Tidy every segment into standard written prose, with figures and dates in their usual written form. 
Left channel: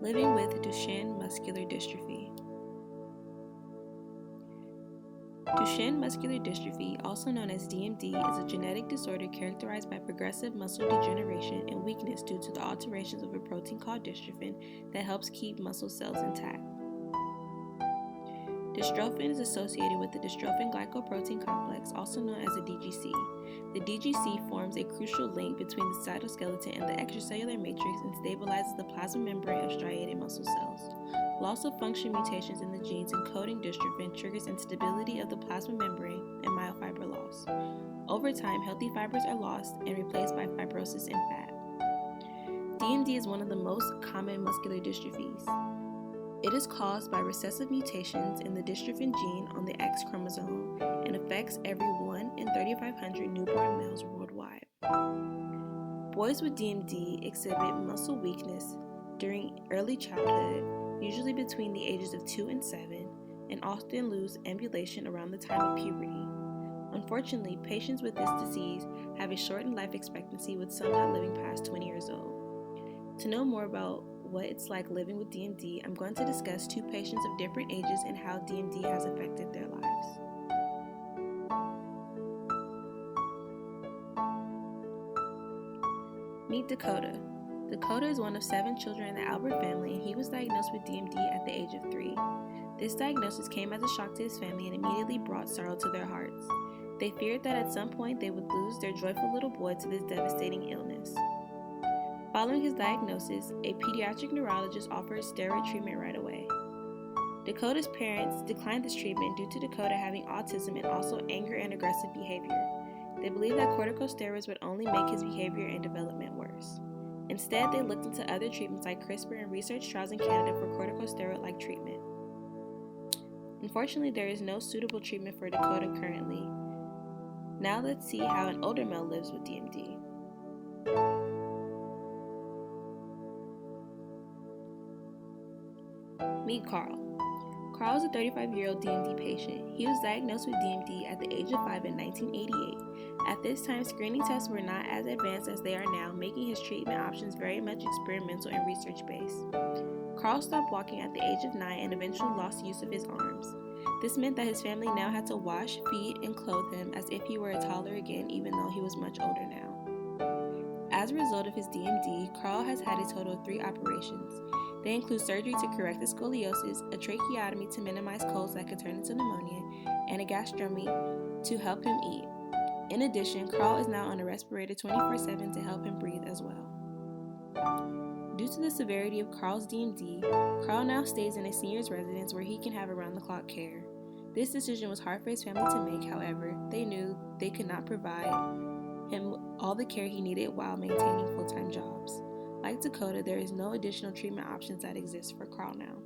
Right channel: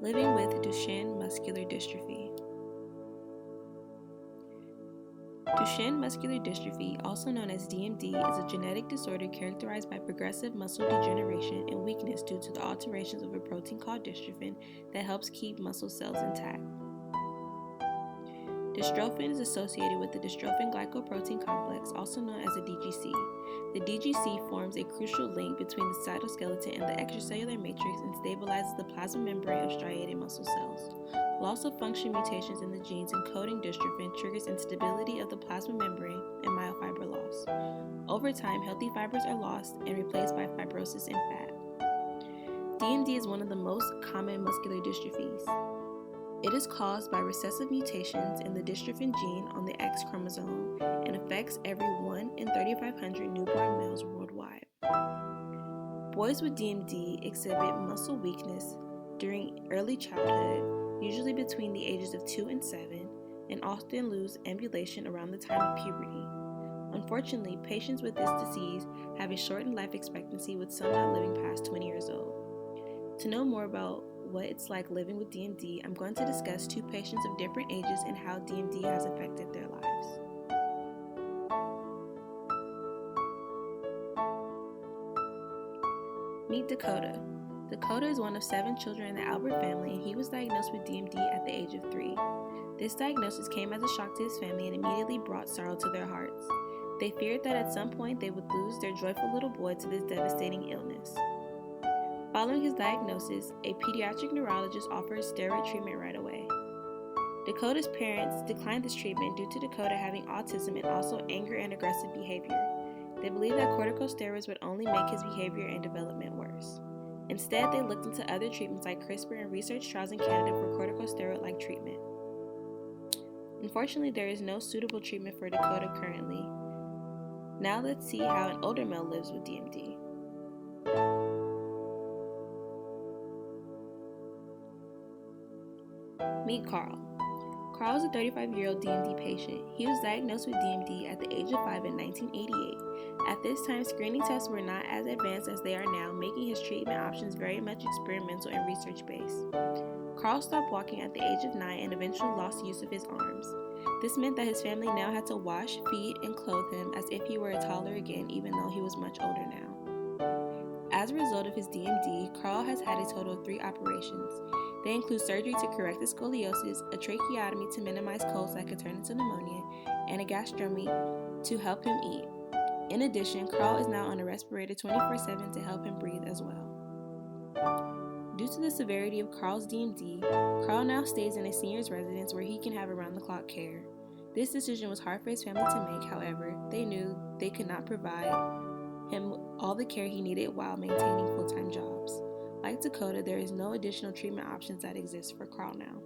Living with Duchenne muscular dystrophy. Duchenne muscular dystrophy, also known as DMD, is a genetic disorder characterized by progressive muscle degeneration and weakness due to the alterations of a protein called dystrophin that helps keep muscle cells intact. Dystrophin is associated with the dystrophin glycoprotein complex, also known as the DGC. The DGC forms a crucial link between the cytoskeleton and the extracellular matrix and stabilizes the plasma membrane of striated muscle cells. Loss of function mutations in the genes encoding dystrophin triggers instability of the plasma membrane and myofiber loss. Over time, healthy fibers are lost and replaced by fibrosis and fat. DMD is one of the most common muscular dystrophies. It is caused by recessive mutations in the dystrophin gene on the X chromosome and affects every 1 in 3,500 newborn males worldwide. Boys with DMD exhibit muscle weakness during early childhood, usually between the ages of 2 and 7, and often lose ambulation around the time of puberty. Unfortunately, patients with this disease have a shortened life expectancy, with some not living past 20 years old. To know more about what it's like living with DMD, I'm going to discuss two patients of different ages and how DMD has affected their lives. Meet Dakota. Dakota is one of 7 children in the Albert family, and he was diagnosed with DMD at the age of 3. This diagnosis came as a shock to his family and immediately brought sorrow to their hearts. They feared that at some point they would lose their joyful little boy to this devastating illness. Following his diagnosis, a pediatric neurologist offered steroid treatment right away. Dakota's parents declined this treatment due to Dakota having autism and also anger and aggressive behavior. They believed that corticosteroids would only make his behavior and development worse. Instead, they looked into other treatments like CRISPR and researched trials in Canada for corticosteroid-like treatment. Unfortunately, there is no suitable treatment for Dakota currently. Now let's see how an older male lives with DMD. Meet Carl. Carl is a 35-year-old DMD patient. He was diagnosed with DMD at the age of 5 in 1988. At this time, screening tests were not as advanced as they are now, making his treatment options very much experimental and research-based. Carl stopped walking at the age of 9 and eventually lost use of his arms. This meant that his family now had to wash, feed, and clothe him as if he were a toddler again, even though he was much older now. As a result of his DMD, Carl has had a total of 3 operations. They include surgery to correct the scoliosis, a tracheotomy to minimize colds that could turn into pneumonia, and a gastrostomy to help him eat. In addition, Carl is now on a respirator 24/7 to help him breathe as well. Due to the severity of Carl's DMD, Carl now stays in a senior's residence where he can have around-the-clock care. This decision was hard for his family to make, however, they knew they could not provide him all the care he needed while maintaining full-time jobs. Like Dakota, there is no additional treatment options that exist for Carl now.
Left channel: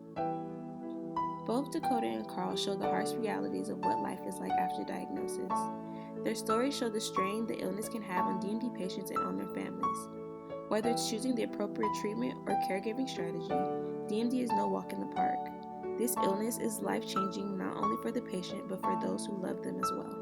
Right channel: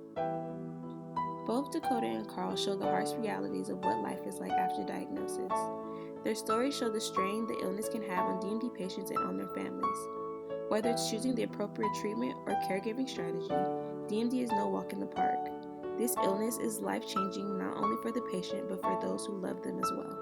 Both Dakota and Carl show the harsh realities of what life is like after diagnosis. Their stories show the strain the illness can have on DMD patients and on their families. Whether it's choosing the appropriate treatment or caregiving strategy, DMD is no walk in the park. This illness is life-changing not only for the patient but for those who love them as well.